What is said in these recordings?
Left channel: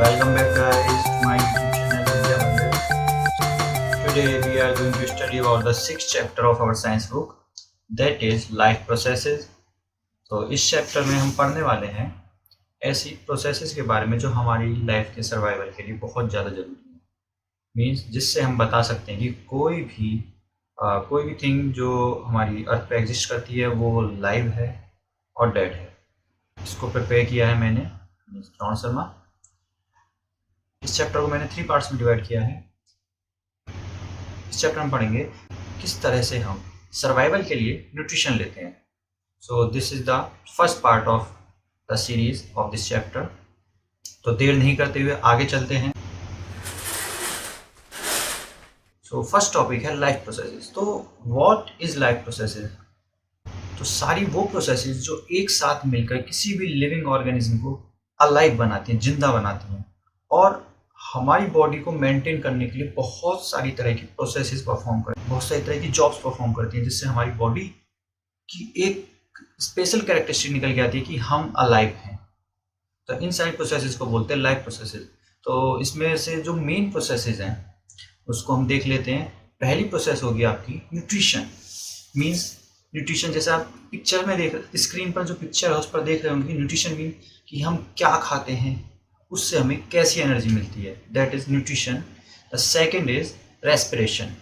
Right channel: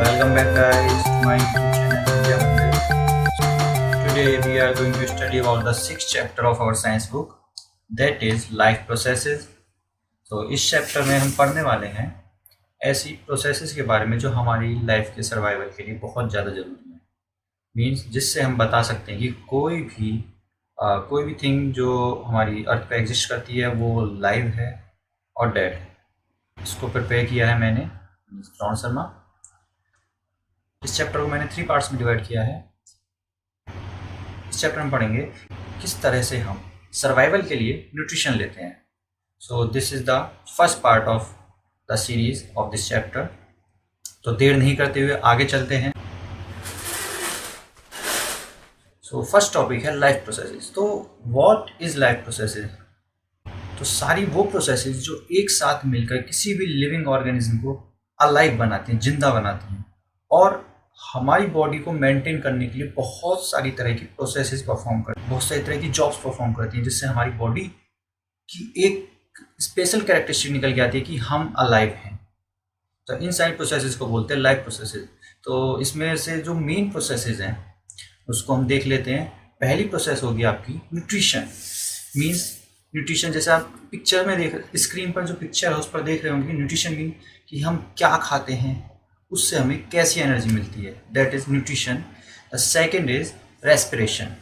Welcome back guys to my YouTube channel Vidya Mandir. Today we are going to study about the sixth chapter of our science book, that is life processes. तो इस chapter में हम पढ़ने वाले हैं ऐसी processes के बारे में जो हमारी लाइफ के सर्वाइवल के लिए बहुत ज़्यादा ज़रूरी है। मीन्स जिससे हम बता सकते हैं कि कोई भी थिंग जो हमारी अर्थ पे एग्जिस्ट करती है वो लाइव है और डेड है। इसको प्रिपेयर किया है मैंने श्रवण शर्मा। इस चैप्टर को मैंने 3 पार्ट्स में डिवाइड किया है। इस चैप्टर में पढ़ेंगे किस तरह से हम सर्वाइवल के लिए न्यूट्रिशन लेते हैं। So this is the first part of the series of this chapter. तो देर नहीं करते हुए आगे चलते हैं। सो फर्स्ट टॉपिक है लाइफ प्रोसेसेस। तो व्हाट इज़ लाइफ प्रोसेसेस? तो सारी वो प्रोसेसेस जो एक साथ मिलकर किसी भी लिविंग ऑर्गेनिज्म को अलाइव बनाती हैं, जिंदा बनाती हैं और हमारी बॉडी को मेंटेन करने के लिए बहुत सारी तरह की प्रोसेसेस परफॉर्म करती हैं, बहुत सारी तरह की जॉब्स परफॉर्म करती हैं, जिससे हमारी बॉडी की एक स्पेशल कैरेक्टरिस्टिक निकल के आती है कि हम अलाइव हैं। तो इन सारी प्रोसेसेस को बोलते हैं लाइफ प्रोसेसेस। तो इसमें से जो मेन प्रोसेसेस हैं उसको हम देख लेते हैं। पहली प्रोसेस होगी आपकी न्यूट्रिशन। मीन्स न्यूट्रिशन जैसे आप पिक्चर में देख, स्क्रीन पर जो पिक्चर है उस पर देख रहे होंगे कि न्यूट्रिशन मीन कि हम क्या खाते हैं, उससे हमें कैसी एनर्जी मिलती है, that is nutrition. The second is respiration.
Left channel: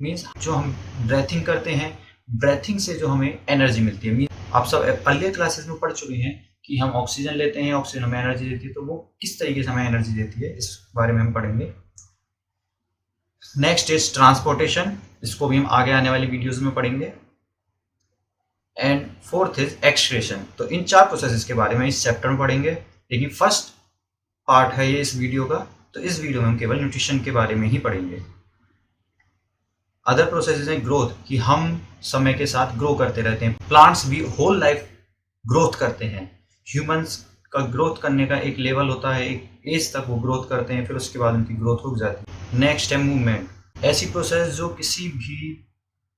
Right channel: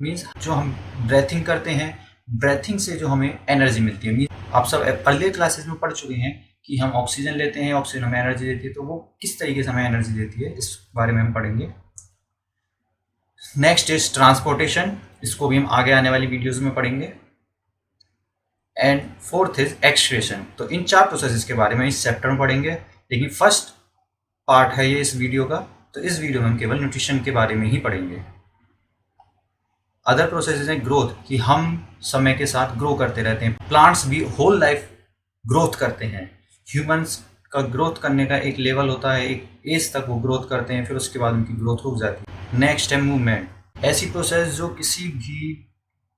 Means जो हम ब्रेथिंग करते हैं, ब्रेथिंग से जो हमें एनर्जी मिलती है। मीन्स आप सब अर्लियर क्लासेस में पढ़ चुके हैं कि हम ऑक्सीजन लेते हैं, ऑक्सीजन हमें एनर्जी देती है, तो वो किस तरीके से हमें एनर्जी देती है इस बारे में हम पढ़ेंगे। नेक्स्ट इज ट्रांसपोर्टेशन, इसको भी हम आगे आने वाली वीडियोज़ में पढ़ेंगे। And fourth is excretion. तो इन 4 प्रोसेसेस के बारे में इस चैप्टर में पढ़ेंगे, लेकिन फर्स्ट पार्ट है ये इस वीडियो का, तो इस वीडियो में हम केवल न्यूट्रिशन के बारे में ही पढ़ेंगे। अदर प्रोसेसेस हैं ग्रोथ, कि हम समय के साथ ग्रो करते रहते हैं। प्लांट्स भी होल लाइफ ग्रोथ करते हैं। ह्यूमंस का ग्रोथ करने का एक लेवल होता है, एक एज तक वो ग्रोथ करते हैं, फिर उसके बाद उनकी ग्रोथ रुक जाती है। नेक्स्ट है मूवमेंट, ऐसी प्रोसेस जो किसी भी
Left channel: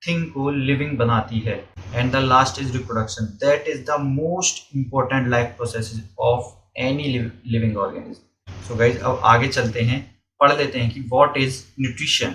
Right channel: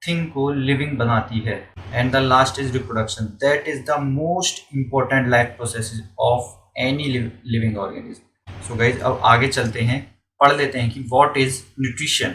थिंग को लिविंग बनाती है। And the last is reproduction, that is the most important life process of any living organism. So guys अब आगे चलते हैं, पढ़ लेते हैं कि व्हाट इज न्यूट्रिशन।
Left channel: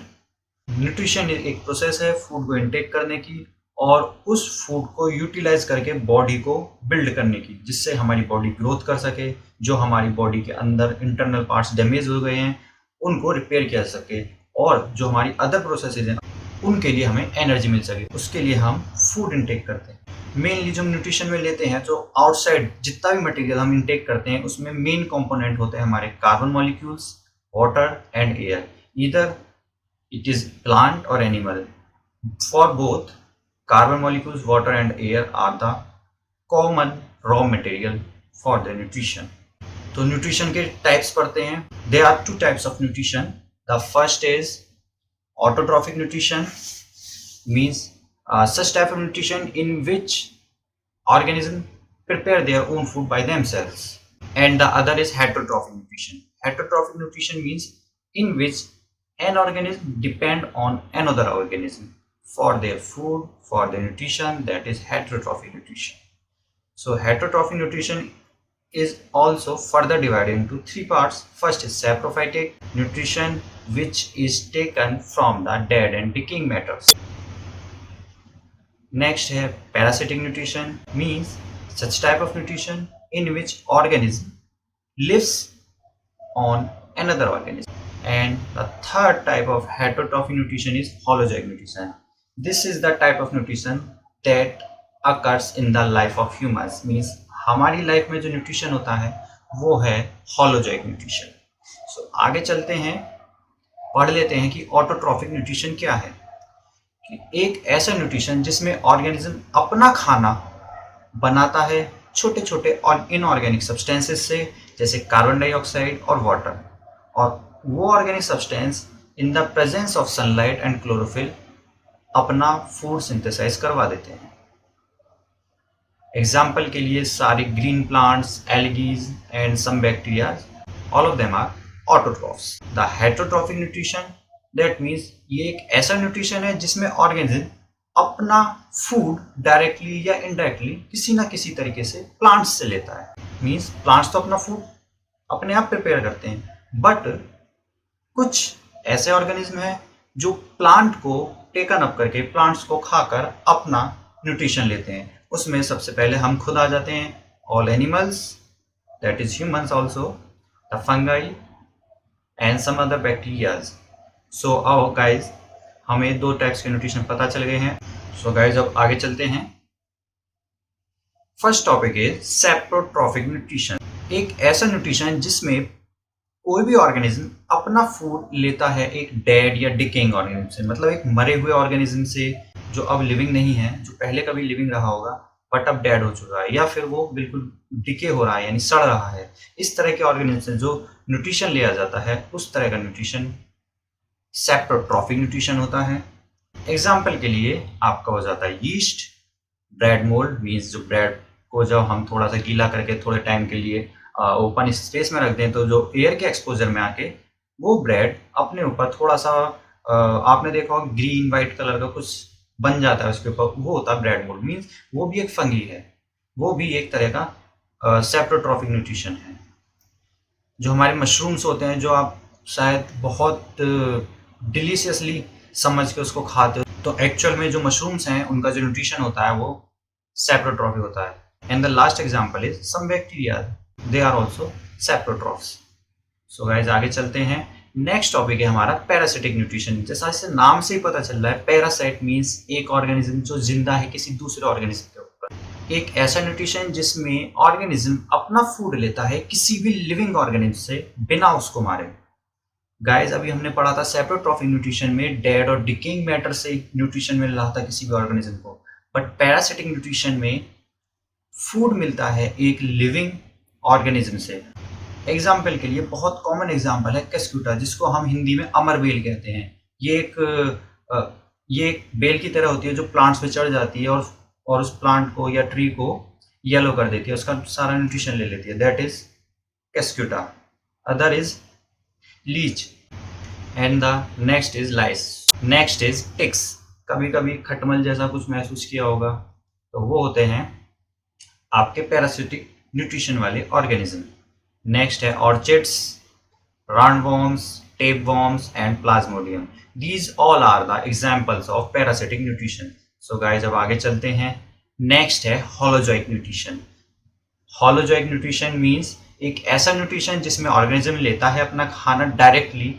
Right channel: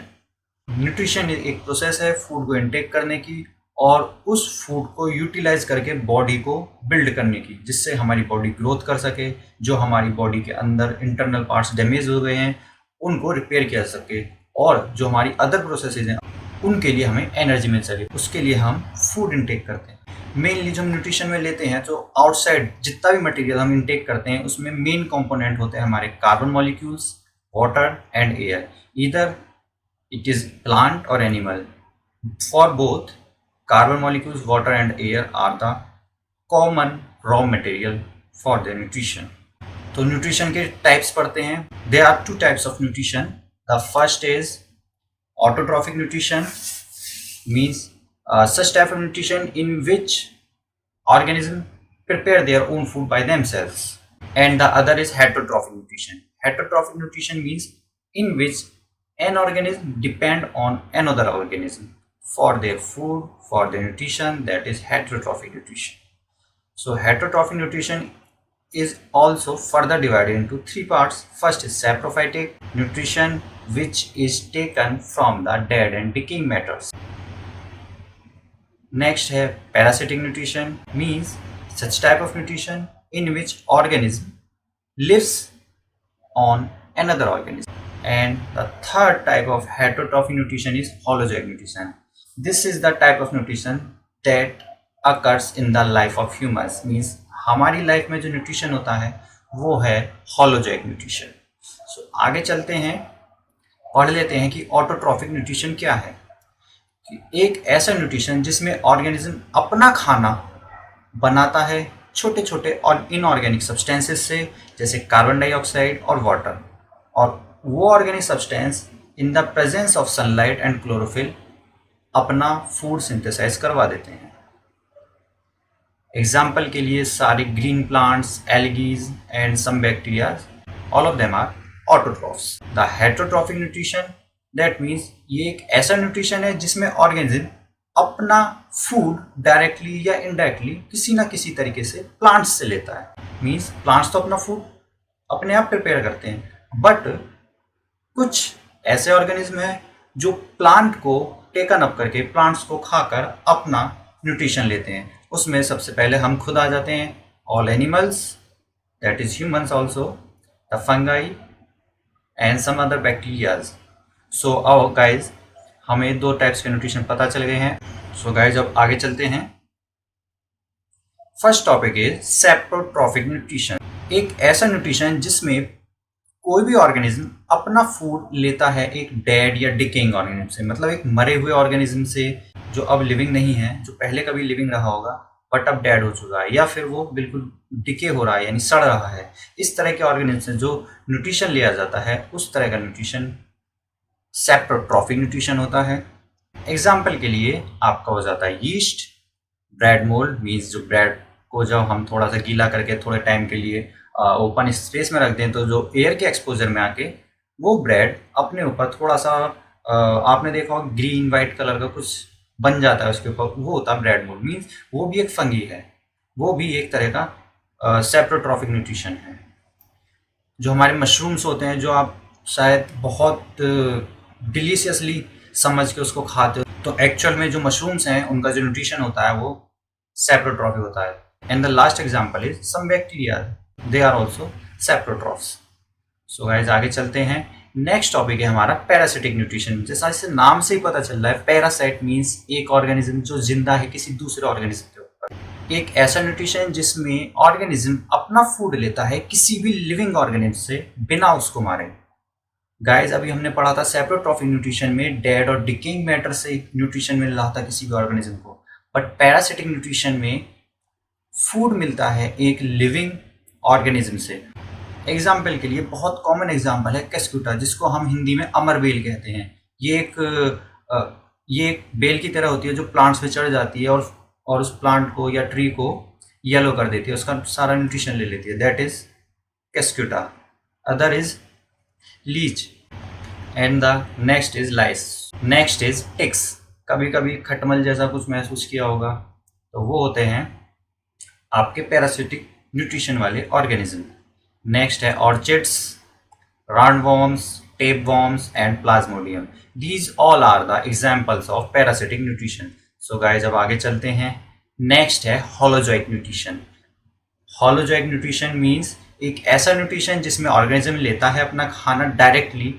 न्यूट्रिशन एक प्रोसेस है फूड को इनटेक करने की और उस फूड को यूटिलाइज करके बॉडी को बिल्ड करने की, जिससे हमारी बॉडी ग्रोथ कर सके, जो हमारी बॉडी के अंदर इंटरनल पार्ट्स डैमेज हो गए हैं उनको रिपेयर किया जा सके, और जो हमारी अदर प्रोसेसेस हैं उनके लिए हमें एनर्जी मिल सके। उसके लिए हम फूड इनटेक करते हैं। मेनली जो हम न्यूट्रिशन में लेते हैं, तो आउटसाइड जितना भी मटेरियल हम इनटेक करते हैं उसमें मेन कंपोनेंट होते हैं हमारे carbon molecules, water and air. Either it is plant or animal. For both carbon molecules, water and air are the common raw material for the nutrition. तो न्यूट्रिशन के types पढ़ते हैं। There are 2 types of nutrition. The first is autotrophic nutrition, means such type of nutrition in which organism prepare their own food by themselves, and the other is heterotrophic nutrition. Heterotrophic nutrition means in which an organism depend on another organism for their food, for their nutrition, that is heterotrophic nutrition. So heterotrophic nutrition is also further divided into 3 parts. First is saprophytic nutrition, which is taken from the dead and decaying matters. Next है parasitic nutrition, means such type of nutrition in which organism lives on another organism. And the third type of heterotrophic nutrition is holozoic nutrition. This is the type of nutrition that occurs in the life of humans, means हमारी life में जो nutrition होता है वो है हॉलोजोइक nutrition. सो आगे चलते हैं, पढ़ लेते हैं कि ऑटोट्रॉफिक न्यूट्रिशन क्या है। कि एक ऐसा न्यूट्रिशन जिसमें ऑर्गेनिज्म अपना खाना बनाता है छोटे छोटे और इनऑर्गेनिक सब्सटेंसेस से, जैसे कार्बन डाइऑक्साइड और वाटर, और वो organic substance in the presence of sunlight and chlorophyll अपना फूड सिंथेसाइज करवा देते हैं। एग्जाम्पल के लिए सारे green plants, algae and some bacteria, all of them are autotrophs. The heterotrophic nutrition, that means ये एक ऐसा न्यूट्रिशन है जिसमें ऑर्गेनिज्म अपना फूड डायरेक्टली या इनडायरेक्टली किसी ना किसी तरीके से प्लांट्स से लेता है। मीन्स प्लांट्स तो अपना फूड अपने आप प्रिपेयर करते हैं। बट कुछ ऐसे ऑर्गेनिज्म हैं जो प्लांट को टेकन अप करके, प्लांट्स को खाकर अपना न्यूट्रिशन लेते हैं। उसमें सबसे पहले हम खुद आ जाते हैं, all animals, that is humans also, the fungi and some other bacterias. So आओ गाइज, हमें 2 टाइप्स के न्यूट्रिशन पता चल गए हैं। सो गाइज अब आगे चलते हैं। First topic is saprotrophic nutrition. एक ऐसा न्यूट्रिशन जिसमें कोई भी ऑर्गेनिज्म अपना फूड लेता है एक डेड या डिकेइंग ऑर्गेनिज्म से, मतलब एक मरे हुए ऑर्गेनिज्म से जो अब लिविंग नहीं है, जो पहले कभी लिविंग रहा होगा बट अब डेड हो चुका है, या फिर वो बिल्कुल डिके हो रहा है यानी सड़ रहा है। इस तरह के ऑर्गेनिज्म से जो न्यूट्रिशन लिया जाता है, उस तरह का न्यूट्रिशन सेप्रोट्रॉफिक न्यूट्रिशन होता है। एग्जाम्पल के लिए आपका हो जाता है यीस्ट, ब्रेड मोल्ड मीन्स जो ब्रेड को जब हम थोड़ा सा गीला करके थोड़े टाइम के लिए ओपन स्पेस में रख दें, तो जो एयर के एक्सपोजर में आके वो ब्रेड अपने ऊपर थोड़ा सा आपने देखा होगा ग्रीन वाइट कलर का कुछ बन जाता है उसके ऊपर, वो होता है ब्रेड मोल्ड। मीन्स वो भी एक फंगी है, वो भी एक तरह का सेप्रोट्रॉफिक न्यूट्रिशन है। जो हमारे मशरूम्स होते हैं, जो आप शायद बहुत डिलीशियसली समझ के उसको खाते हो, तो एक्चुअल में जो मशरूम्स हैं उनका जो न्यूट्रिशन होता है वो सेप्रोट्रॉफिक होता है। And the last example is some bacteria, they are also saprotrophs. So guys आगे चलते हैं। नेक्स्ट टॉपिक है हमारा पैरासिटिक न्यूट्रिशन। जैसा इसे नाम से ही पता चल रहा है, पैरासाइट मीन्स एक ऑर्गेनिज्म जो जिंदा है किसी दूसरे ऑर्गेनिज्म के ऊपर। एक ऐसा न्यूट्रिशन जिसमें ऑर्गेनिज्म अपना फूड लेता है किसी भी लिविंग ऑर्गेनिज्म से बिना उसको मारे। गाइस अभी हमने पढ़ा था सेप्रोट्रॉफिक न्यूट्रिशन में डेड और डिकेइंग मैटर से न्यूट्रिशन मिल रहा था किसी भी ऑर्गेनिज्म को, बट पैरासिटिक न्यूट्रिशन में फूड मिलता है एक लिविंग ऑर्गेनिज्म से। एग्जाम्पल के लिए बहुत कॉमन एग्जाम्पल है केस्क्यूटा, जिसको हम हिंदी में अमर बेल कहते हैं। ये एक बेल की तरह होती है जो प्लांट्स पे चढ़ जाती है और उस प्लांट को या ट्री को येलो कर देती है, उसका सारा न्यूट्रिशन ले लेती है, that is cuscuta. Other is leech and the next is lice. Next is ticks. कभी कभी खटमल जैसा कुछ महसूस किया होगा, तो वो होते हैं आपके पैरासिटिक न्यूट्रिशन वाले ऑर्गेनिज्म। नेक्स्ट है orchids, roundworms, tapeworms and plasmodium. These all are the examples of parasitic nutrition. So guys अब आगे चलते हैं। नेक्स्ट है holozoic nutrition. Holozoic nutrition means एक ऐसा न्यूट्रिशन जिसमें ऑर्गेनिज्म लेता है अपना खाना डायरेक्टली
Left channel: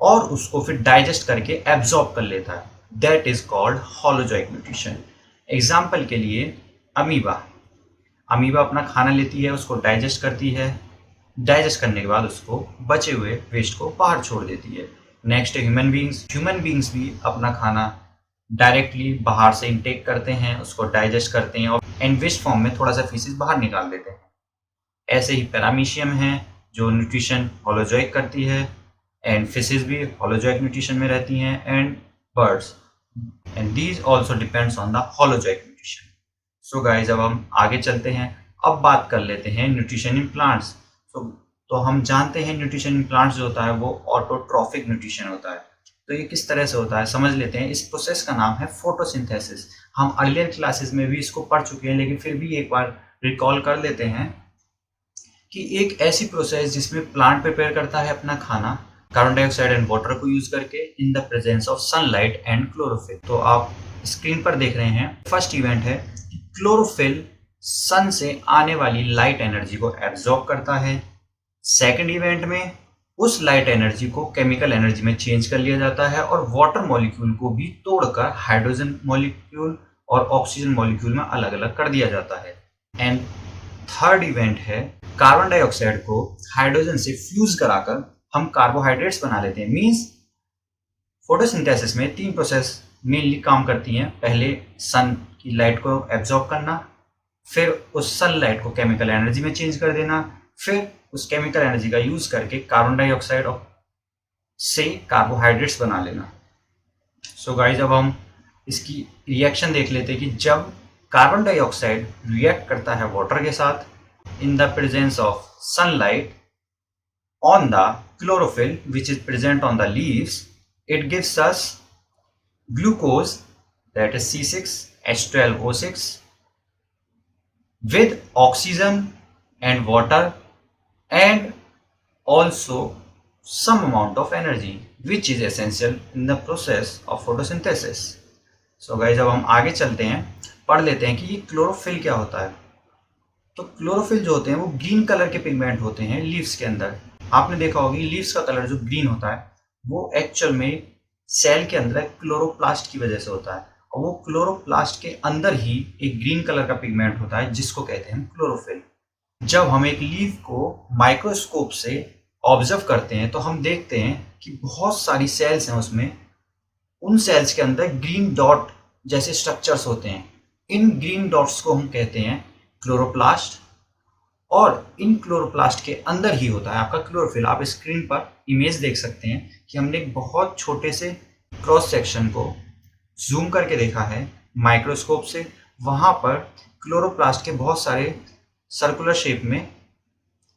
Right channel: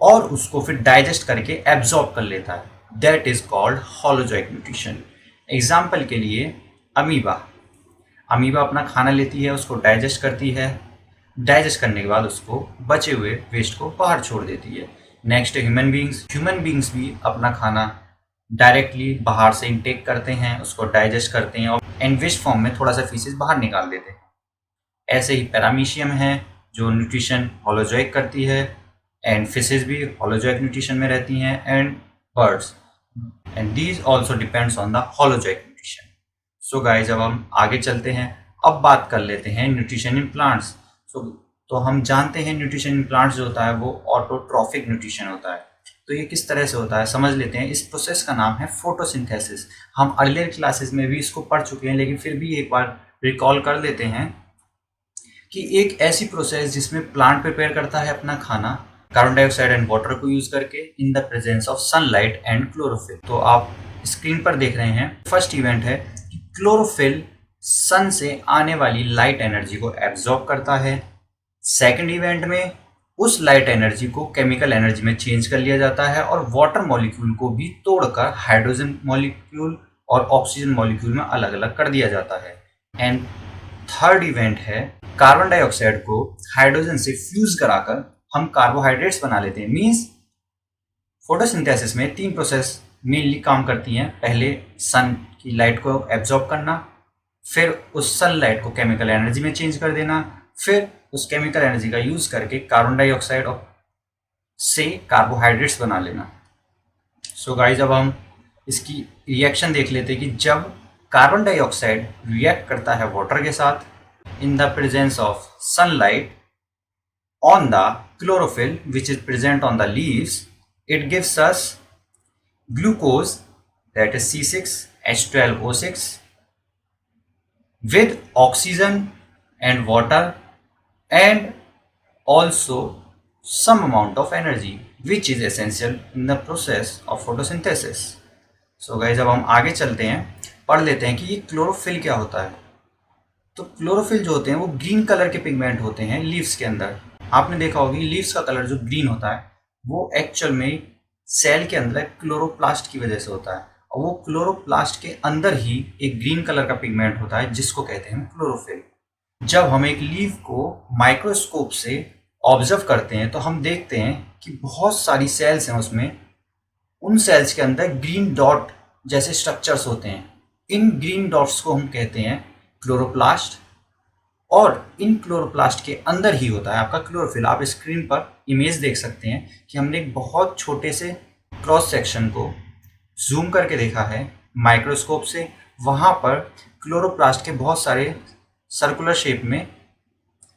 और उसको फिर डाइजेस्ट करके एब्जॉर्ब कर लेता है, that is called holozoic nutrition. Example के लिए अमीबा अपना खाना लेती है, उसको डाइजेस्ट करती है, डाइजेस्ट करने के बाद उसको बचे हुए वेस्ट को बाहर छोड़ देती है। नेक्स्ट है ह्यूमन बींग्स भी अपना खाना डायरेक्टली बाहर से इनटेक करते हैं, उसको डाइजेस्ट करते हैं और एंड वेस्ट फॉर्म में थोड़ा सा फीसेस बाहर निकाल देते हैं। ऐसे ही पैरामीशियम है जो न्यूट्रिशन होलोजोइक करती है, एंड फिशेज भी होलोजोइक न्यूट्रिशन में रहती हैं, and birds, and these also depends on the holozoic nutrition. So guys अब हम आगे चलते हैं। अब बात कर लेते हैं न्यूट्रिशन इन प्लांट्स। तो हम जानते हैं न्यूट्रिशन इन प्लांट्स जो होता है वो ऑटोट्रॉफिक न्यूट्रिशन होता है। तो ये किस तरह से होता है समझ लेते हैं। इस प्रोसेस का नाम है फोटोसिंथेसिस। हम अर्लियर क्लासेस में भी इसको पढ़ चुके हैं, लेकिन फिर भी एक बार रिकॉल कर लेते हैं कि एक ऐसी प्रोसेस जिसमें प्लांट प्रिपेयर करता है अपना खाना कार्बन डाइऑक्साइड एंड वाटर को यूज करके इन the presence of sunlight and chlorophyll. तो आप स्क्रीन पर देख रहे हैं फर्स्ट इवेंट है कि क्लोरोफिल सन से आने वाली लाइट एनर्जी को एब्जॉर्ब करता है। सेकेंड इवेंट में उस लाइट एनर्जी को केमिकल एनर्जी में चेंज कर लिया जाता है और वाटर मॉलिक्यूल को भी तोड़कर हाइड्रोजन मॉलिक्यूल और ऑक्सीजन मॉलिक्यूल में अलग अलग कर दिया जाता है। एंड थर्ड इवेंट है कार्बन डाइऑक्साइड को हाइड्रोजन से फ्यूज कराकर हम कार्बोहाइड्रेट्स बना लेते हैं। मींस फोटोसिंथेसिस में 3 प्रोसेस मेनली काम करती हैं। पहले सन की लाइट को एब्जॉर्ब करना, फिर उस सनलाइट को केमिकल एनर्जी में चेंज कर देना, फिर उस केमिकल एनर्जी का यूज करके कार्बन डाइऑक्साइड से कार्बोहाइड्रेट्स बना लेना। सो गाइज अब हम इसकी रिएक्शन देख लेते हैं कि जब कार्बन डाइऑक्साइड रिएक्ट करता है वाटर के साथ इन the presence of sunlight on the chlorophyll which is present on the leaves, it gives us glucose, that is C6H12O6 with oxygen and water and also some amount of energy which is essential in the process of photosynthesis. So guys, अब हम आगे चलते हैं, पढ़ लेते हैं कि ये क्लोरोफिल क्या होता है। तो क्लोरोफिल जो होते हैं वो ग्रीन कलर के पिगमेंट होते हैं लीव्स के अंदर। आपने देखा होगी लीव्स का कलर जो ग्रीन होता है वो एक्चुअल में सेल के अंदर क्लोरोप्लास्ट की वजह से होता है, और वो क्लोरोप्लास्ट के अंदर ही एक ग्रीन कलर का पिगमेंट होता है जिसको कहते हैं क्लोरोफिल। जब हम एक लीव को माइक्रोस्कोप से ऑब्जर्व करते हैं तो हम देखते हैं कि बहुत सारी सेल्स हैं उसमें, उन सेल्स के अंदर ग्रीन डॉट जैसे स्ट्रक्चर्स होते हैं। इन ग्रीन डॉट्स को हम कहते हैं क्लोरोप्लास्ट, और इन क्लोरोप्लास्ट के अंदर ही होता है आपका क्लोरोफिल। आप स्क्रीन पर इमेज देख सकते हैं कि हमने एक बहुत छोटे से क्रॉस सेक्शन को जूम करके देखा है माइक्रोस्कोप से। वहाँ पर क्लोरोप्लास्ट के बहुत सारे सर्कुलर शेप में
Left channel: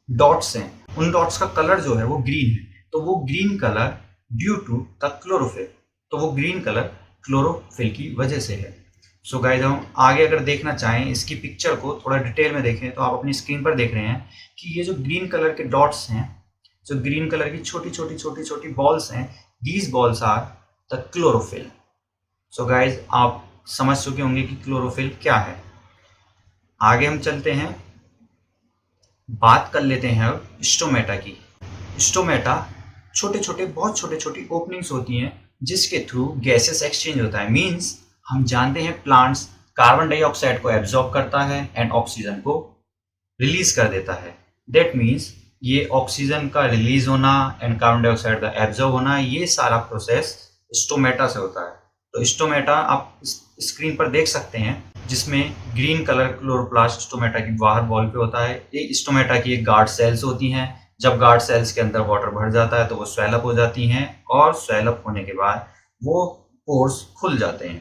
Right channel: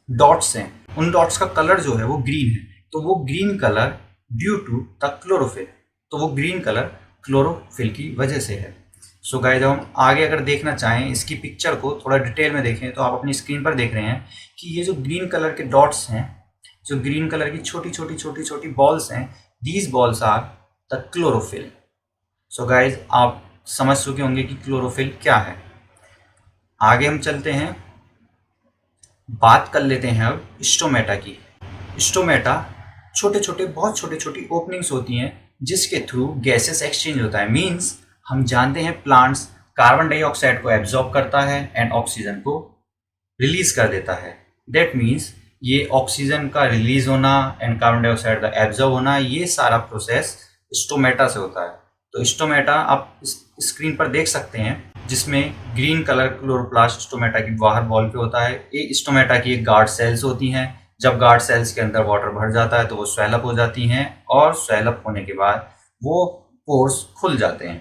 डॉट्स हैं, उन डॉट्स का कलर जो है वो ग्रीन है, तो वो green colour due to the chlorophyll, तो वो ग्रीन कलर क्लोरोफिल की वजह से है। सो गाइस, हम आगे अगर देखना चाहें इसकी पिक्चर को थोड़ा डिटेल में देखें तो आप अपनी स्क्रीन पर देख रहे हैं कि ये जो ग्रीन कलर के डॉट्स हैं, जो ग्रीन कलर की छोटी छोटी बॉल्स हैं, these balls are the chlorophyll. So guys, आप समझ चुके होंगे कि क्लोरोफिल क्या है। आगे हम चलते हैं, बात कर लेते हैं अब स्टोमेटा की। स्टोमेटा बहुत छोटे छोटी ओपनिंग्स होती हैं जिसके थ्रू गैसेस एक्सचेंज होता है। मीन्स हम जानते हैं प्लांट्स कार्बन डाइऑक्साइड को एब्जॉर्ब करता है एंड ऑक्सीजन को रिलीज कर देता है। दैट मीन्स ये ऑक्सीजन का रिलीज होना एंड कार्बन डाइऑक्साइड का एब्जॉर्ब होना, ये सारा प्रोसेस स्टोमेटा से होता है। तो स्टोमेटा आप स्क्रीन पर देख सकते हैं जिसमें ग्रीन कलर क्लोरोप्लास्ट स्टोमेटा की बाहर वॉल पे होता है। ये स्टोमेटा की एक गार्ड सेल्स होती हैं। जब गार्ड सेल्स के अंदर वाटर भर जाता है तो वो स्वेल अप हो जाती हैं, और स्वेल अप होने के बाद वो पोर्स खुल जाते हैं।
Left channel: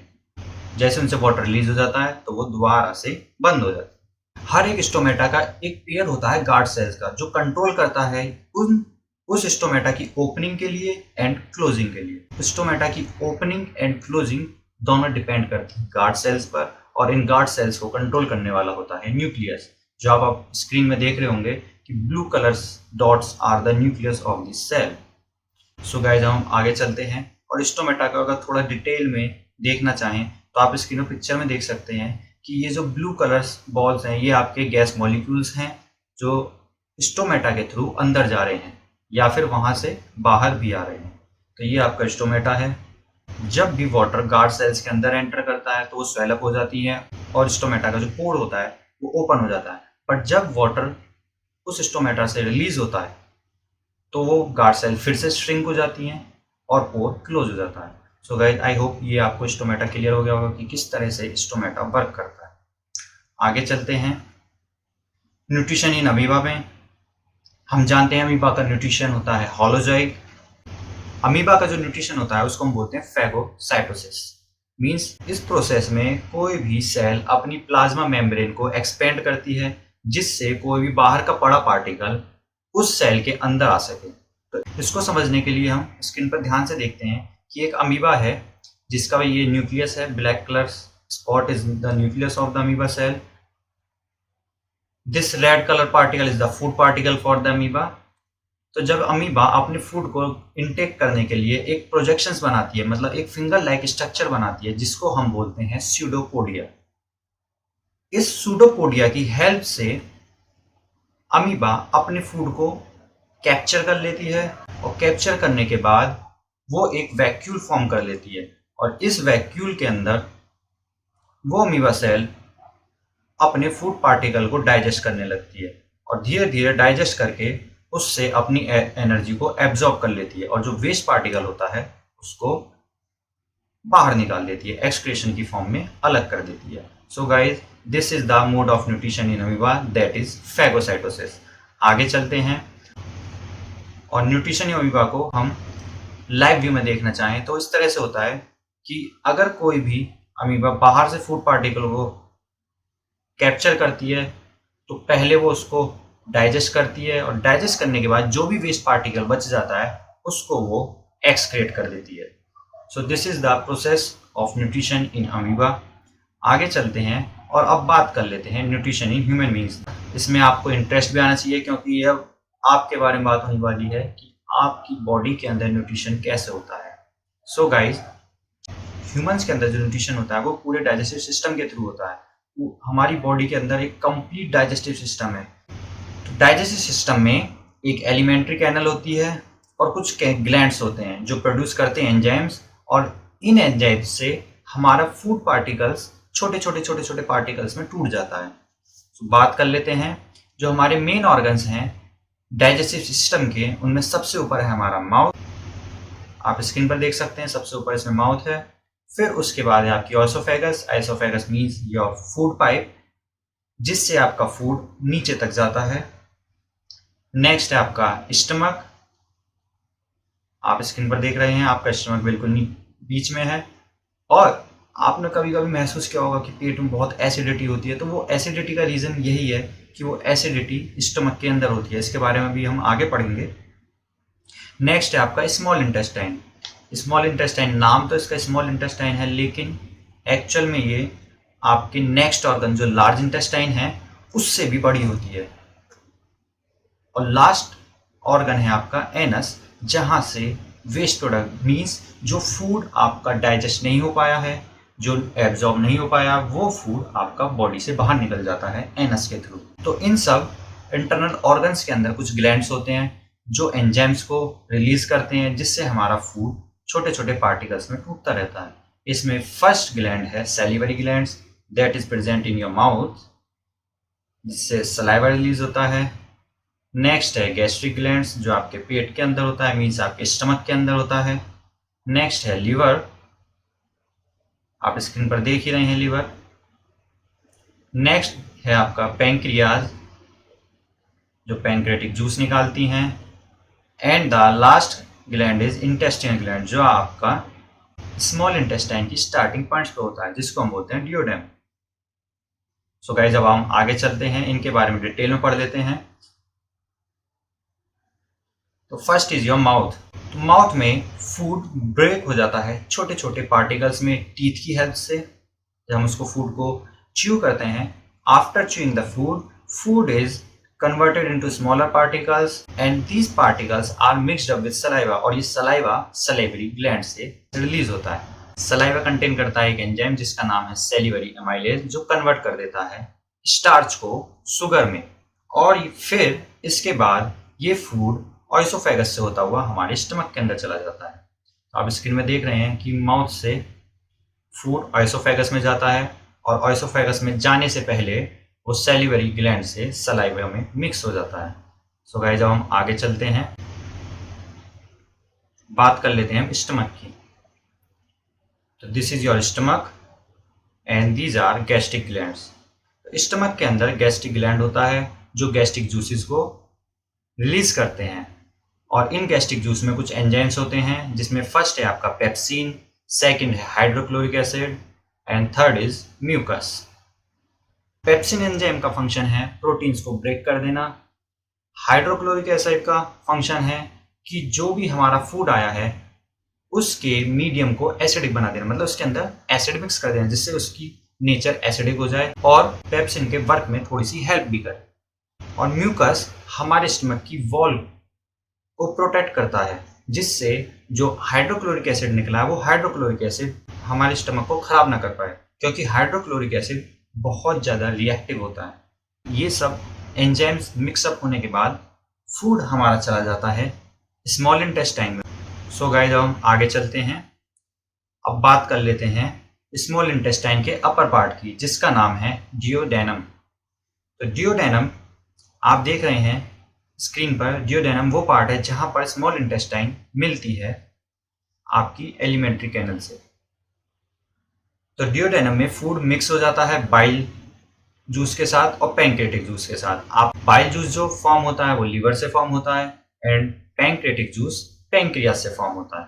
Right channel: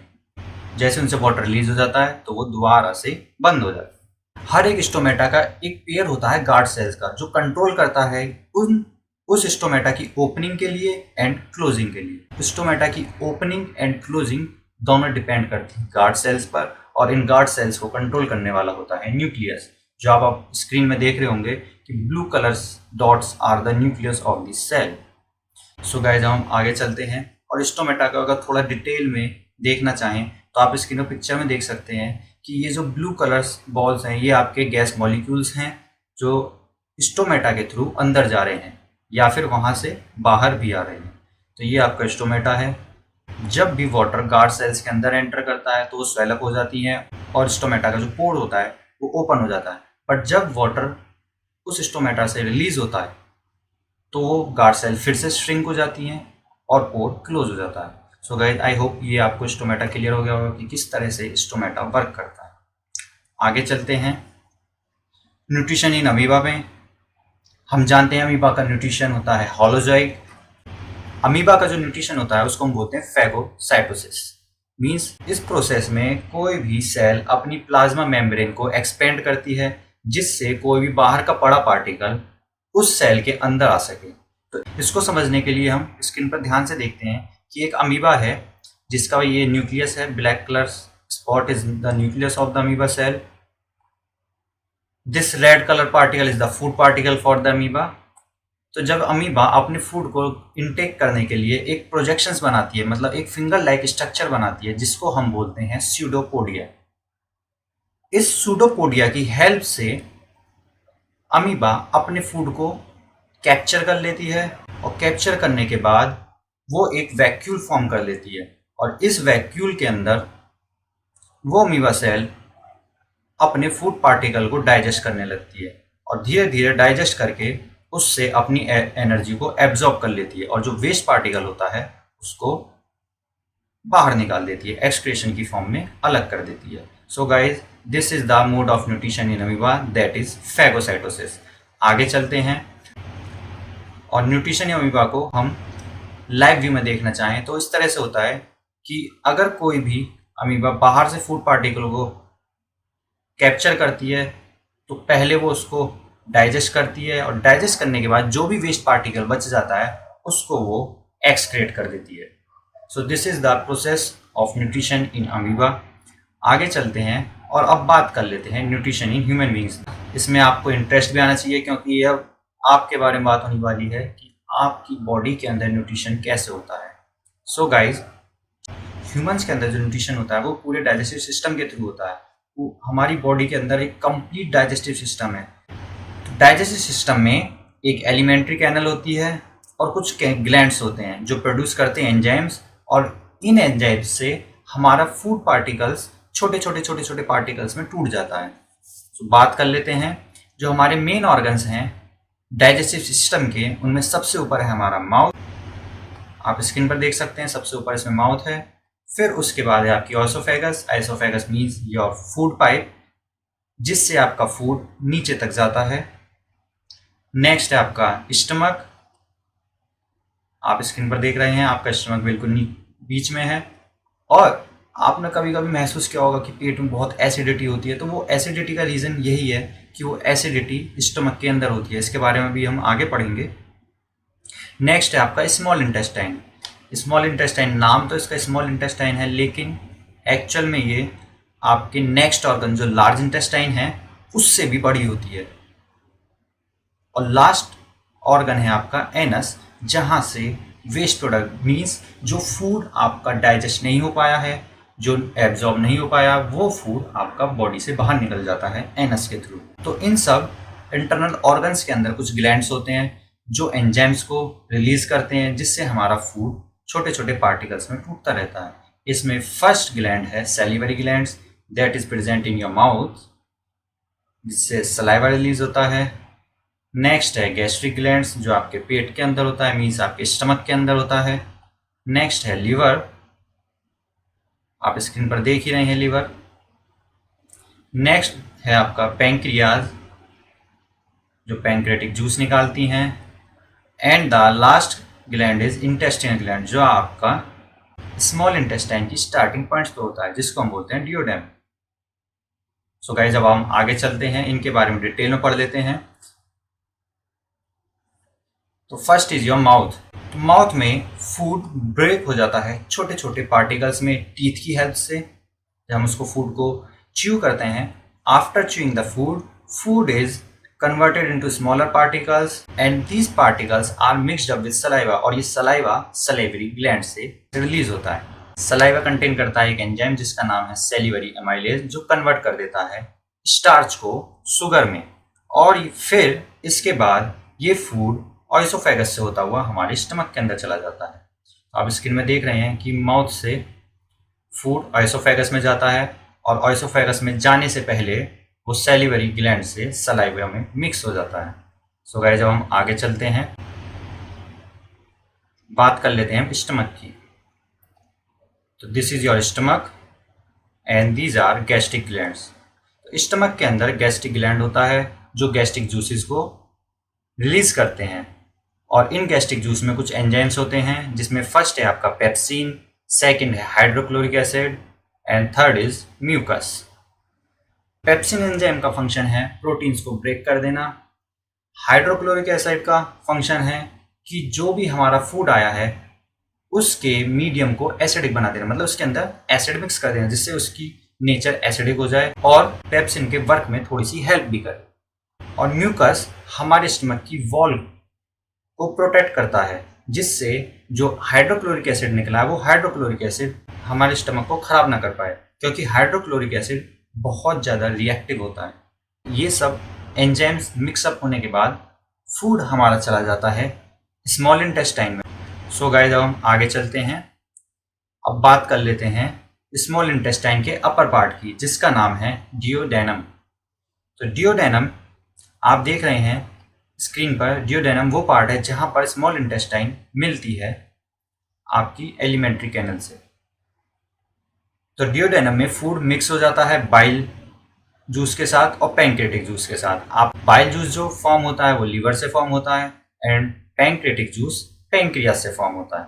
जैसे उनसे वाटर रिलीज हो जाता है तो वो दोबारा से बंद हो जाता है। हर एक स्टोमेटा का एक पेयर होता है गार्ड सेल्स का, जो कंट्रोल करता है उस स्टोमेटा की ओपनिंग के लिए एंड क्लोजिंग के लिए। स्टोमेटा की ओपनिंग एंड क्लोजिंग दोनों डिपेंड करती है गार्ड सेल्स पर, और इन गार्ड सेल्स को कंट्रोल करने वाला होता है न्यूक्लियस, जो आप स्क्रीन में देख रहे होंगे कि blue colours dots are the nucleus of this cell. So guys, हम आगे चलते हैं और स्टोमेटा का अगर थोड़ा डिटेल में देखना चाहें तो आप स्क्रीन पिक्चर में देख सकते हैं कि ये जो ब्लू कलर्स बॉल्स हैं ये आपके गैस मॉलिक्यूल्स हैं जो स्टोमेटा के थ्रू अंदर जा रहे हैं या फिर वहाँ से बाहर भी आ रहे हैं। तो ये आपका स्टोमेटा है। जब भी वाटर गार्ड सेल्स के अंदर एंटर करता है तो वो स्वेल अप हो जाती है और स्टोमेटा का जो पोर होता है वो ओपन हो जाता है। बट जब वाटर उस स्टोमेटा से रिलीज होता है तो वो गार्ड सेल फिर से श्रिंक हो जाती हैं और पोर क्लोज हो जाता है। सो गाइस, आई होप ये आपको स्टोमेटा क्लियर हो गया होगा कि किस तरह से स्टोमेटा वर्क करता है। आगे चलते हैं, न्यूट्रिशन इन अमीबा में। हम जानते हैं अमीबा का न्यूट्रिशन होता है होलोजॉइड। अमीबा का जो न्यूट्रिशन होता है उसको हम बोलते हैं फेगोसाइटोसिस। मीन्स इस प्रोसेस में कोई भी सेल अपनी प्लाज्मा मेम्ब्रेन को एक्सपेंड करती है जिससे कोई भी बाहर का बड़ा पार्टिकल उस सेल के अंदर आ सके। तो इसको समझने के लिए हम स्क्रीन पर ध्यान से देखते हैं कि एक अमीबा है जिसका ये न्यूक्लियस है, black colour spot is the nucleus of the amoeba cell. This red colour particle is the food particle for the amoeba. तो जब अमीबा अपने फूड को इनटेक करने के लिए एक प्रोजेक्शंस बनाती है, मतलब एक फिंगर लाइक स्ट्रक्चर बनाती है जिसको हम बोलते हैं स्यूडोपोडिया। इस स्यूडोपोडिया की हेल्प से अमीबा अपने फूड को कैप्चर कर लेती है, और कैप्चर करने के बाद वो एक वैक्यूल फॉर्म कर लेती है, और इस वैक्यूल के अंदर वो अमीबा सेल अपने फूड पार्टिकल को डाइजेस्ट करने लगती है, और धीरे धीरे डाइजेस्ट करके उससे अपनी एनर्जी को एब्जॉर्ब कर लेती है, और जो वेस्ट पार्टिकल होता है उसको बाहर निकाल देती है, एक्सक्रीशन की फॉर्म में अलग कर देती है। So guys, this is the mode of nutrition in amoeba, that is phagocytosis. आगे चलते हैं, और न्यूट्रिशन इन अमीबा को हम लाइव व्यू में देखना चाहें तो इस तरह से होता है कि अगर कोई भी अमीबा बाहर से फूड पार्टिकल को कैप्चर करती है तो पहले वो उसको डाइजेस्ट करती है, और डाइजेस्ट करने के बाद जो भी वेस्ट पार्टिकल बच जाता है उसको वो एक्सक्रेट कर देती है। So this is the process of nutrition in amoeba. आगे चलते हैं और अब बात कर लेते हैं न्यूट्रिशन इन ह्यूमन बींग्स। इसमें आपको इंटरेस्ट भी आना चाहिए क्योंकि ये अब आपके बारे में बात होने वाली है कि आपकी बॉडी के अंदर न्यूट्रिशन कैसे होता है। सो गाइज, ह्यूमंस के अंदर जो न्यूट्रिशन होता है वो पूरे डाइजेस्टिव सिस्टम के थ्रू होता है। वो हमारी बॉडी के अंदर एक कंप्लीट डाइजेस्टिव सिस्टम है। तो डाइजेस्टिव सिस्टम में एक एलिमेंट्री कैनल होती है और कुछ ग्लैंड्स होते हैं जो प्रोड्यूस करते हैं एंजाइम्स, और इन एंजाइम्स से हमारा फूड पार्टिकल्स छोटे छोटे छोटे छोटे पार्टिकल्स में टूट जाता है। तो बात कर लेते हैं जो हमारे मेन ऑर्गन्स हैं डाइजेस्टिव सिस्टम के, उनमें सबसे ऊपर है हमारा माउथ। आप स्क्रीन पर देख सकते हैं, सबसे ऊपर इसमें माउथ है। फिर उसके बाद है आपकी oesophagus. Oesophagus means your food pipe, जिससे आपका फूड नीचे तक जाता है। नेक्स्ट है आपका स्टमक। आप स्क्रीन पर देख रहे हैं, आपका स्टमक बिल्कुल बीच में है। और आपने कभी कभी महसूस किया होगा कि पेट में बहुत एसिडिटी होती है, तो वो एसिडिटी का रीज़न यही है कि वो एसिडिटी स्टमक के अंदर होती है। इसके बारे में भी हम आगे पढ़ेंगे। नेक्स्ट है आपका स्मॉल इंटेस्टाइन। स्मॉल इंटेस्टाइन, नाम तो इसका स्मॉल इंटेस्टाइन है, लेकिन एक्चुअल में ये आपके नेक्स्ट ऑर्गन जो लार्ज इंटेस्टाइन है उससे भी बड़ी होती है। और लास्ट ऑर्गन है आपका एनस, जहाँ से वेस्ट प्रोडक्ट मीन्स जो फूड आपका डाइजेस्ट नहीं हो पाया है, जो एब्जॉर्ब नहीं हो पाया, वो फूड आपका बॉडी से बाहर निकल जाता है एनस के थ्रू। तो इन सब इंटरनल ऑर्गन्स के अंदर कुछ ग्लैंड्स होते हैं जो एंजाइम्स को रिलीज करते हैं, जिससे हमारा फूड छोटे छोटे पार्टिकल्स में टूटता रहता है। इसमें फर्स्ट ग्लैंड है salivary glands, that is present in your mouth, जिससे सलाइवा रिलीज होता है। नेक्स्ट है गैस्ट्रिक ग्लैंड्स, जो आपके पेट के अंदर होता है, मीन्स आपके स्टमक के अंदर होता है। नेक्स्ट है लीवर, आप स्क्रीन पर देख ही रहे हैं लीवर। नेक्स्ट है आपका पैंक्रियाज, जो पैंक्रेटिक जूस निकालती हैं। And the last gland is intestinal gland, जो आपका स्मॉल इंटेस्टाइन की स्टार्टिंग पॉइंट्स पे होता है, जिसको हम बोलते हैं डियोडेम। सो गाइस, जब हम आगे चलते हैं इनके बारे में डिटेल में पढ़ लेते हैं। तो फर्स्ट इज योर माउथ। तो माउथ में फूड ब्रेक हो जाता है छोटे छोटे पार्टिकल्स में टीथ की हेल्प से। जब हम उसको फूड को च्यू करते हैं, after chewing the food, food is converted into smaller particles and these particles are mixed up with saliva, और ये सलाइवा salivary gland से रिलीज होता है। सलाइवा कंटेन करता है एक एंजाइम जिसका नाम है सैलिवरी एमाइलेज, जो कन्वर्ट कर देता है स्टार्च को शुगर में। और फिर इसके बाद ये फूड ऑइसोफेगस से होता हुआ हमारे स्टमक के अंदर चला जाता है। तो आप स्क्रीन में देख रहे हैं कि माउथ से फूड ऑइसोफेगस में जाता है, और ऑइसोफेगस में जाने से पहले वो सैलिवरी ग्लैंड से सलाइवा में मिक्स हो जाता है। सो गाइस, जब हम आगे चलते हैं बात कर लेते हैं स्टमक की। तो this is your stomach and these are gastric glands. तो स्टमक के अंदर गैस्ट्रिक ग्लैंड होता है जो गैस्ट्रिक जूसेस को रिलीज करते हैं, और इन गैस्ट्रिक जूस में कुछ एंजाइम्स होते हैं, जिसमें फर्स्ट है आपका पेप्सिन, सेकंड है hydrochloric acid, and third is mucus. Pepsin enzyme का फंक्शन है प्रोटीन्स को ब्रेक कर देना। हाइड्रोक्लोरिक एसिड का फंक्शन है कि जो भी हमारा फूड आया है उसके मीडियम को एसिडिक बना देना, मतलब उसके अंदर एसिड मिक्स कर देना, जिससे उसकी नेचर एसिडिक हो जाए और पेप्सिन के वर्क में थोड़ी सी हेल्प भी करे। और म्यूकस हमारे स्टमक की वॉल को प्रोटेक्ट करता है, जिससे जो हाइड्रोक्लोरिक एसिड निकला है वो हाइड्रोक्लोरिक एसिड हमारे स्टमक को खराब ना कर पाए, क्योंकि हाइड्रोक्लोरिक एसिड बहुत ज़्यादा रिएक्टिव होता है। ये सब एंजाइम्स मिक्सअप होने के बाद फूड हमारा चला जाता है स्मॉल इंटेस्टाइन में। सो गाइस, अब हम आगे चलते हैं। अब बात कर लेते हैं स्मॉल इंटेस्टाइन के अपर पार्ट की, जिसका नाम है डियोडेनम। तो डियोडेनम आप देख रहे हैं स्क्रीन पर। डियोडेनम वो पार्ट है जहाँ पर स्मॉल इंटेस्टाइन मिलती है आपकी एलिमेंट्री कैनल से। तो डियोडेनम में फूड मिक्स हो जाता है बाइल जूस के साथ और पैंक्रेटिक जूस के साथ। आप बाइल जूस जो फॉर्म होता है वो लीवर से फॉर्म होता है, एंड पैंक्रेटिक जूस पैंक्रियास से फॉर्म होता है।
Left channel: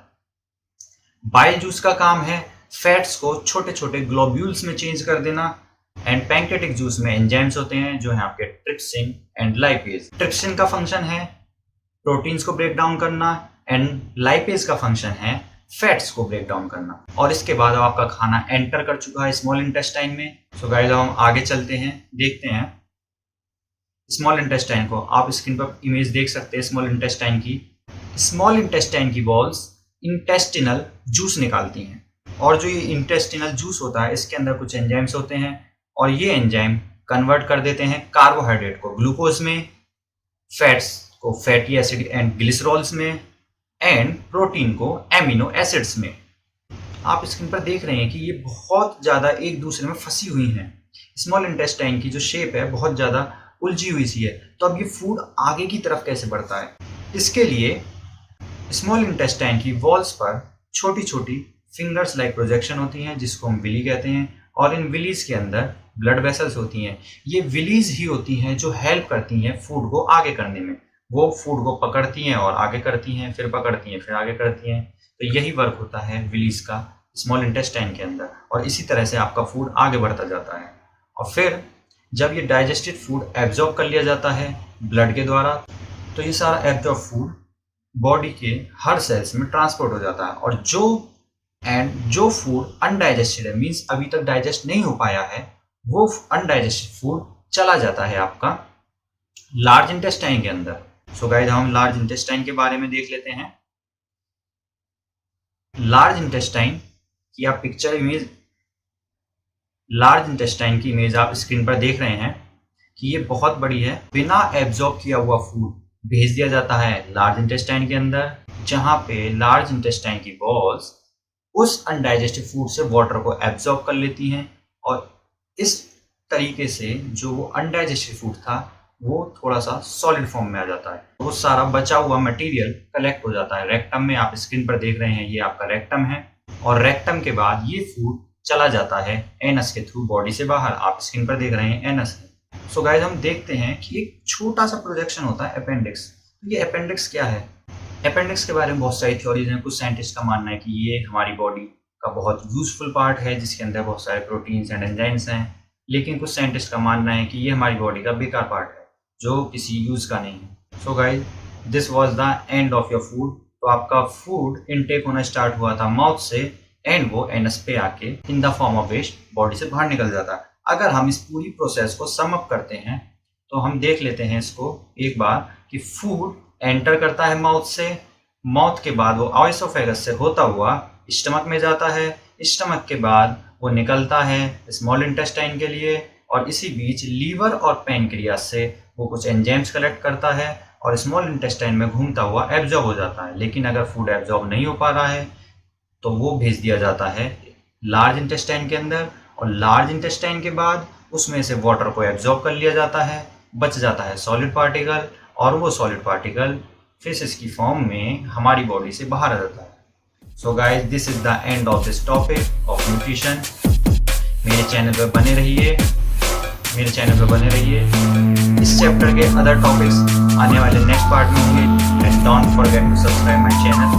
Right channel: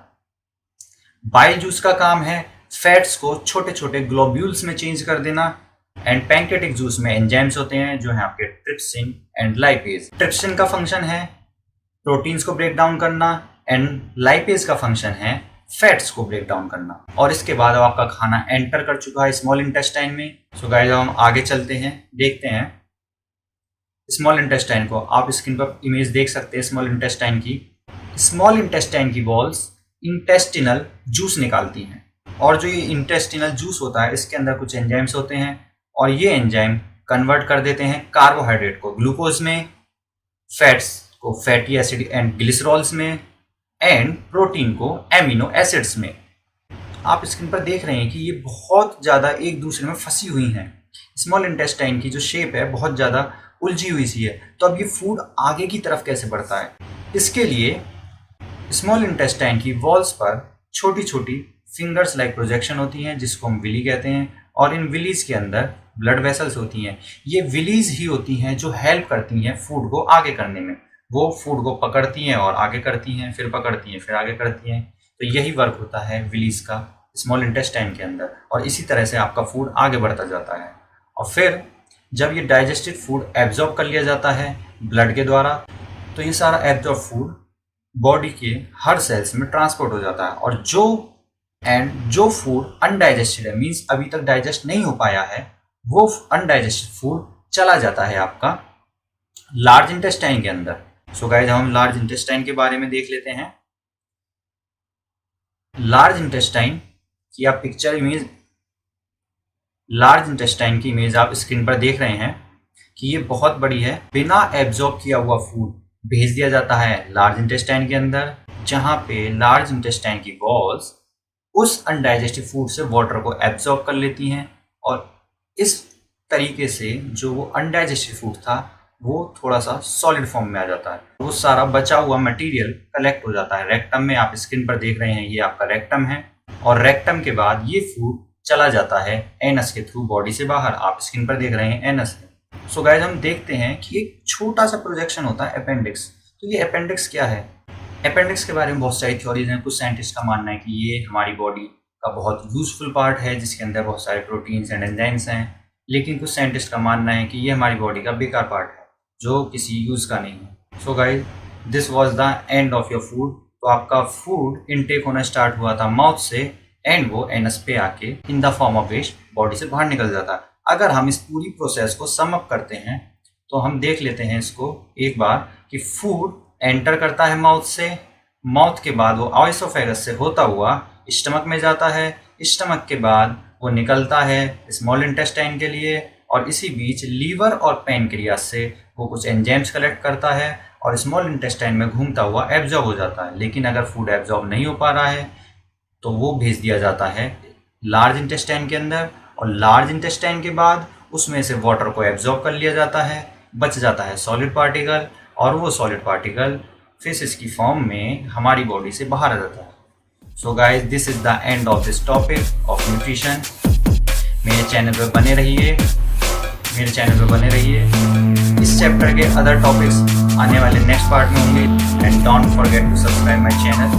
बाइल जूस का काम है फैट्स को छोटे छोटे ग्लोब्यूल्स में चेंज कर देना, एंड पैंक्रेटिक जूस में एंजाइम्स होते हैं जो हैं आपके ट्रिप्सिन एंड लाइपेज। ट्रिप्सिन का फंक्शन है प्रोटीन्स को ब्रेक डाउन करना, एंड लाइपेज का फंक्शन है फैट्स को ब्रेक डाउन करना। और इसके बाद अब आपका खाना एंटर कर चुका है स्मॉल इंटेस्टाइन में। सो गाइस, अब हम आगे चलते हैं, देखते हैं स्मॉल इंटेस्टाइन को। आप स्क्रीन पर इमेज देख सकते हैं स्मॉल इंटेस्टाइन की। स्मॉल इंटेस्टाइन की वॉल्स इंटेस्टिनल जूस निकालती हैं, और जो ये इंटेस्टिनल जूस होता है इसके अंदर कुछ एंजाइम्स होते हैं, और ये एंजाइम कन्वर्ट कर देते हैं कार्बोहाइड्रेट को ग्लूकोज में, फैट्स को फैटी एसिड एंड ग्लिसरॉल्स में, एंड प्रोटीन को एमिनो एसिड्स में। आप स्क्रीन पर देख रहे हैं कि ये बहुत ज़्यादा एक दूसरे में फंसी हुई हैं। स्मॉल इंटेस्टाइन की जो शेप है बहुत ज़्यादा उलझी हुई सी है। तो अब ये फूड आगे की तरफ कैसे बढ़ता है? इसके लिए स्मॉल इंटेस्टाइन की वॉल्स पर छोटी छोटी फिंगर्स लाइक प्रोजेक्शन होती हैं, जिसको हम विली कहते हैं, और इन विलीज के अंदर ब्लड वेसल्स होती हैं। ये विलीज ही होती हैं जो हेल्प करती हैं फूड को आगे करने में। वो फूड को पकड़ती हैं और आगे करती हैं, फिर पकड़ती हैं, फिर आगे करती हैं। तो यही वर्क होता है विलीज का स्मॉल इंटेस्टाइन के अंदर, और इसी तरह से आपका फूड आगे बढ़ता जाता है। और फिर जब ये डाइजेस्टेड फूड एब्जॉर्ब कर लिया जाता है ब्लड के द्वारा, तो ये सारा एब्जॉर्ब फूड बॉडी के हर सेल्स में ट्रांसपोर्ट हो जाता है। और जो फूड अनडाइजेस्टेड है, मीन्स अभी तक डाइजेस्ट नहीं हो पाया है, वो अनडाइजेस्टेड फूड चला जाता है आपका लार्ज इंटेस्टाइन के अंदर। सो गाइस, हम लार्ज इंटेस्टाइन के बारे में देख लेते हैं। लार्ज इंटेस्टाइन की आप पिक्चर इमेज, लार्ज इंटेस्टाइन की इमेज आप स्क्रीन पर देख रहे हैं कि ये बहुत बड़ी है। बिना एब्जॉर्ब किया हुआ फूड भेज दिया जाता है लार्ज इंटेस्टाइन के अंदर, जहाँ पे लार्ज इंटेस्टाइन की वॉल्स उस अनडाइजेस्टेड फूड से वाटर को एब्जॉर्ब कर लेती हैं, और इस तरीके से जो वो अनडाइजेस्टेड फूड था वो थोड़ा सा सॉलिड फॉर्म में आ जाता है। वो सारा बचा हुआ मटेरियल कलेक्ट हो जाता है रेक्टम में। आप स्क्रीन पर देख रहे हैं ये आपका रेक्टम है, और रेक्टम के बाद ये फूड चला जाता है एनस के थ्रू बॉडी से बाहर। आप स्क्रीन पर देख रहे हैं एनस है। सो गाइस, हम देखते हैं कि एक छोटा सा प्रोजेक्शन होता है अपेंडिक्स। तो ये अपेंडिक्स क्या है? अपेंडिक्स के बारे में बहुत सारी थ्योरीज हैं। कुछ साइंटिस्ट का मानना है कि ये हमारी बॉडी का बहुत यूजफुल पार्ट है, जिसके अंदर बहुत सारे प्रोटीन्स एंड एंजाइम्स हैं। लेकिन कुछ साइंटिस्ट का मानना है कि ये हमारी बॉडी का बेकार पार्ट है, जो किसी यूज़ का नहीं है। So guys, this was the end of your food. तो आपका फूड इनटेक होना स्टार्ट हुआ था माउथ से, एंड वो एनस पे आके in the form of waste body से बाहर निकल जाता है। अगर हम इस पूरी प्रोसेस को सम अप करते हैं तो हम देख लेते हैं इसको एक बार कि फूड एंटर करता है माउथ से, माउथ के बाद वो एसोफेगस से होता हुआ स्टमक में जाता है, स्टमक के बाद वो निकलता है स्मॉल इंटेस्टाइन के लिए, और इसी बीच लीवर और पैनक्रियास से वो कुछ एंजाइम्स कलेक्ट करता है और स्मॉल इंटेस्टाइन में घूमता हुआ एब्जॉर्ब हो जाता है। लेकिन अगर फूड एब्जॉर्ब नहीं हो पा रहा है तो वो भेज दिया जाता है लार्ज इंटेस्टाइन के अंदर, और लार्ज इंटेस्टाइन के बाद उसमें से वाटर को एब्जॉर्ब कर लिया जाता है, बच जाता है सॉलिड पार्टिकल, और वो सॉलिड पार्टिकल फिशेस की फॉर्म में हमारी बॉडी से बाहर आ जाता है। So guys, this is the end of this topic of nutrition. मेरे चैनल पर बने रहिए, इस चैप्टर के अदर टॉपिक्स आने वाले नेक्स्ट पार्ट में होंगे। And don't forget to subscribe my channel.